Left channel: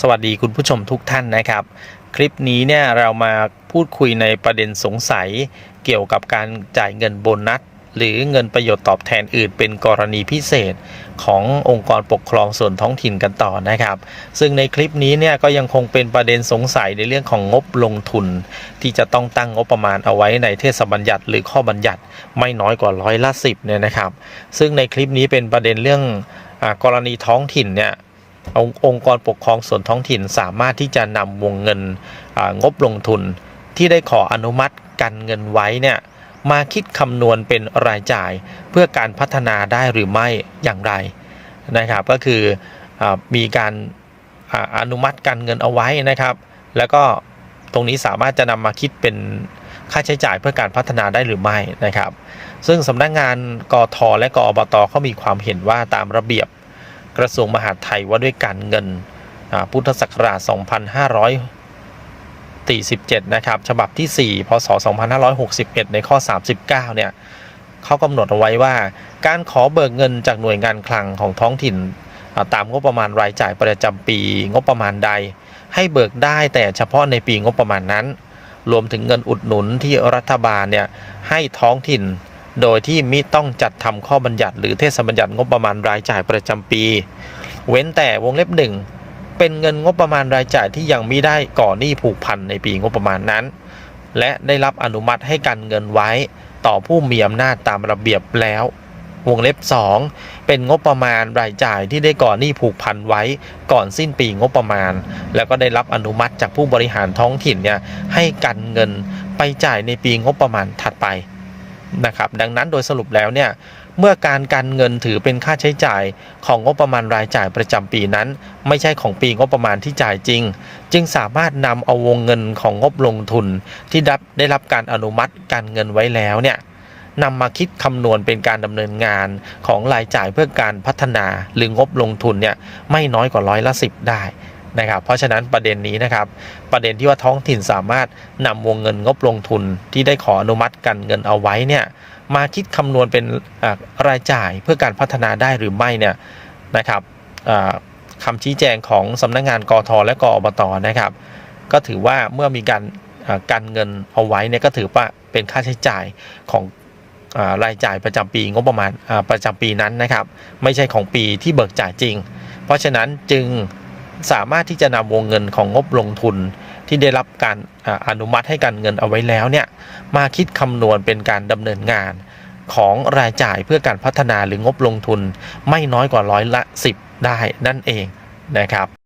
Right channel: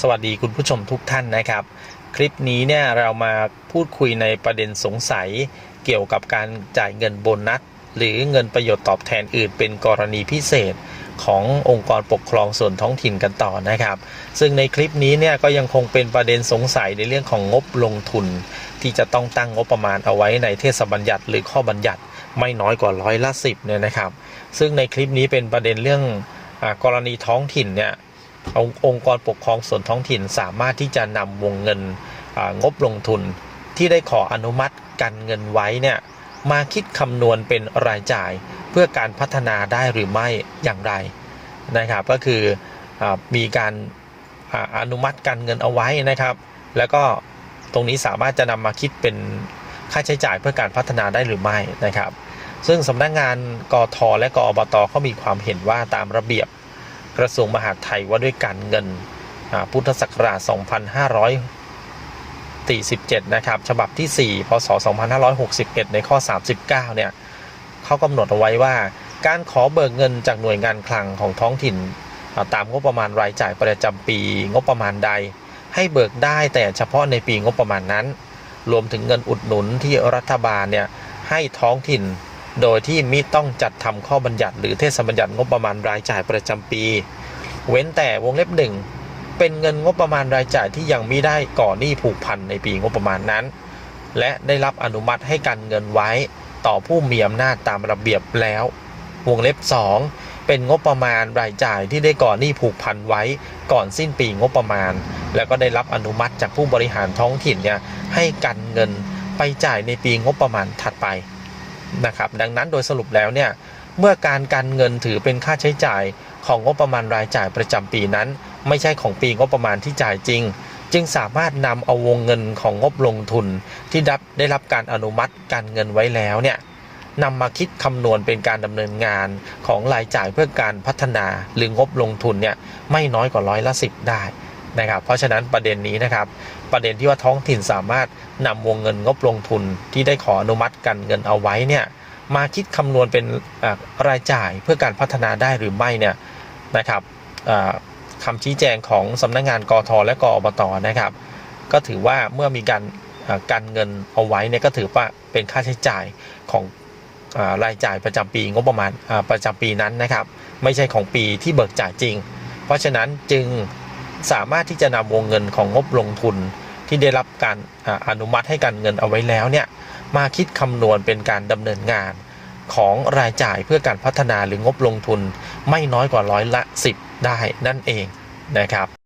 สวัสดีคุณผู้ชมทุกท่านนะครับ คลิปนี้เนี่ยเรามาพูดคุยในประเด็นสงสัย เกี่ยวกับการจ่ายเงินโบนัส หรือเงินประโยชน์ตอบแทนอื่น เป็นกรณีพิเศษขององค์กรปกครองส่วนท้องถิ่นกันต่อนะครับ ซึ่งในคลิปนี้เนี่ยก็ยังคงเป็นประเด็นสงสัยในเรื่องของงบลงทุน ที่จะต้องตั้งงบประมาณเอาไว้ในเทศบัญญัติ หรือข้อบัญญัติไม่น้อยกว่าร้อยละสิบเนี่ยนะครับ ซึ่งในคลิปนี้เป็นประเด็นเรื่องอกรณีท้องถิ่นเนี่ย องค์งกรปกครองส่วนท้องถิ่นสามารถที่จะนำวงเงินงบลงทุน ที่ได้ขออนุมัติกันเงินไว้เนี่ยมาคิดคำนวณเป็นรายจ่าย เพื่อการพัฒนาได้หรือไม่อย่างไรนะครับ ก็คืออมีการออนุมัติการเงินเอาไว้นะครับ แล้วก็ตรงนี้สามารถจะนำมาคิดเป็นค่าใช้จ่ายเพื่อการพัฒนาได้หรือไม่นะครับ ซึ่งสำนักงงานกทและกอบตเขามีความเห็นว่าตามระเบียบ กระทรวงมหาดไทยว่าด้วยการเงินพุทธศักราช 2547 นะครับ ฉบับที่ 4 พศ 2561 ในข้อ 39 เนี่ยเขากำหนดเอาไว้ว่า การขอเบิกเงินจากหน่วยงานคลังของท้องถิ่น ตามงบประมาณรายจ่ายประจำปีงบประมาณใด ให้เบิกได้แต่เฉพาะในปีงบประมาณนั้น รวมถึงเงินอุดหนุนที่รัฐบาลเนี่ยให้ท้องถิ่น โดยที่มิต้องจัดทำข้อบัญญัติ หรือเทศบัญญัติงบประมาณรายจ่ายประจำปี เว้นแต่วงเล็บหนึ่งเป็นเงินงบประมาณรายจ่ายที่ยังไม่ได้ก่อหนี้ผูกพันในปีงบประมาณนั้น และได้รับอนุมัติให้การเงินไว้ต่อผู้มีอำนาจตามระเบียบแล้ว วงเล็บ 2 เป็นงบประมาณรายจ่ายที่ได้ก่อหนี้ผูกพันไว้ก่อนสิ้นปีงบประมาณ แล้วก็ได้รับอนุมัติจากผู้บริหารท้องถิ่นเนี่ยให้กันเงินไปจ่ายในปีงบประมาณถัดไป นะครับดังนั้นโดยสรุปแล้วเนี่ยเมื่อการการเงินถือเป็นค่าใช้จ่ายของงบประมาณรายจ่ายประจำปีนั้น ไม่ใช่ของปีงบประมาณที่จ่ายจริง จึงสามารถนำเอาวงเงินของงบลงทุนที่ได้รับการอนุมัติการเงินไว้แล้วเนี่ยนำมาคิดคำนวณเป็นการดำเนินงานของรายจ่ายเพื่อการพัฒนาหรืองบลงทุนเนี่ยไม่น้อยกว่าร้อยละสิบได้ นะครับ เพราะฉะนั้นประเด็นนี้นะครับ ประเด็นที่ว่าท้องถิ่นสามารถนำวงเงินงบลงทุนที่ได้ขออนุมัติกันเงินเอาไว้เนี่ยมาคิดคำนวณเป็นรายจ่ายเพื่อการพัฒนาได้หรือไม่เนี่ยนะครับคำชี้แจงของสำนักงงานกทและกอบตนะครับ ก็ถือว่าเมื่อมีการการเงินเอาไว้เนี่ยก็ถือว่าเป็นค่าใช้จ่ายของอรายจ่ายประจำปีงบประมาณประจำปีนั้นนะครับ ไม่ใช่ของปีที่เบิกจ่ายจริง เพราะฉะนั้นจึง สามารถที่จะนำวงเงินของงบลงทุนที่ได้รับการออนุมัติให้การเงินเอาไว้แล้วเนี่ยมาคิดคำนวณเป็นการดำเนินงานของรายจ่ายเพื่อการพัฒนาหรืองบลงทุนไม่น้อยกว่าร้อยละ 10 ได้นั่นเองนะครับ